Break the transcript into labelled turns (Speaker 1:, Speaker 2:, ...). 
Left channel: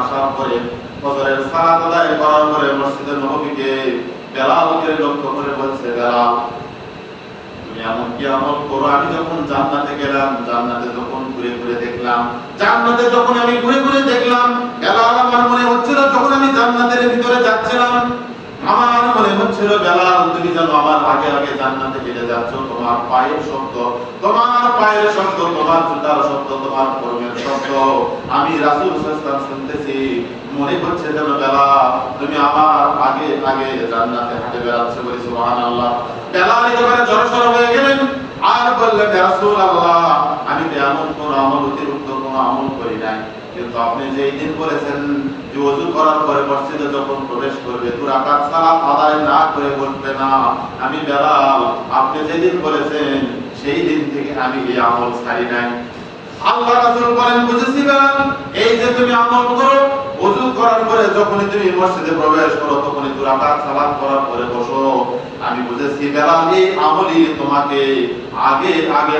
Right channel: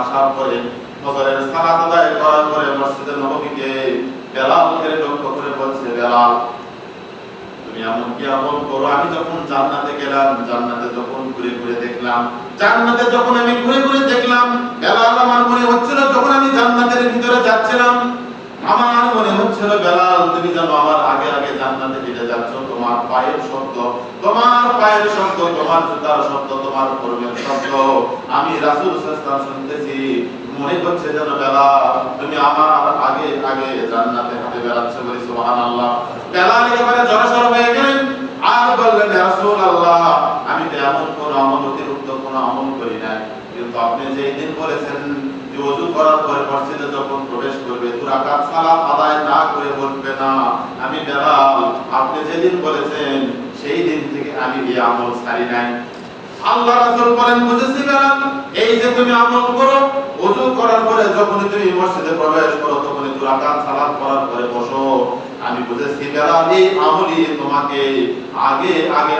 Speaker 1: আসার পরে ফজরের করার পরে বেলালকে লক্ষ্য করে বলছে বেলাল তুমি কি আমল করো? আমি যখন জান্নাতে গেলাম, জান্নাতে যখন ঘুরে ঘুরে দেখলাম, জান্নাতে যখন আমি ঘুরে ঘুরে দেখলাম বেলাল আমার মনে হচ্ছিল যখন আমি জান্নাতের ভিতরে যাচ্ছিলাম আমার মনে হচ্ছিল বেলাল তুমি যেন আমার আগে আগে জান্নাতে হেঁটে যাচ্ছ। তোমার পায়ের শব্দ, তোমার পায়ের শব্দ, তোমার জুতার শব্দ, তোমার কর্মের শব্দ। আমি রাসূল সাল্লাল্লাহু শুনতেছি, মনে হচ্ছে যেন বেলাল তুমি আমার আগে আগে জান্নাতে হাঁটে বেড়াচ্ছ বলি, সুবহানাল্লাহ। বেলাল একেবারে জড়সড় হয়ে গেলেন। আর বললেন, ইয়া রাসূলুল্লাহ আমি তো এমন কোন আমল অতিরিক্ত কোন আমল করি নাই। কিন্তু আপনি যেই দিন বলেছেন যে ওযু করার পরে মসজিদে যখন প্রবেশ করবে, দু রাকাত সালাত আদায় না করে বলবে না, আমি বেলাল, আপনি যেদিন বলেছেন, সেই দিন থেকে আমি এই আমল ছাড়ি নাই। আল্লাহ রাসূল বলেন বুঝেছি এই যে তুমি আমল করো ওযু করার পরে যখনই তুমি মসজিদে প্রবেশ করো, তখনই দু রাকাত সালাত করার পরে বসো। আমি বুঝেছি, বেলাল, এই আমলই তোমাকে আগে আগে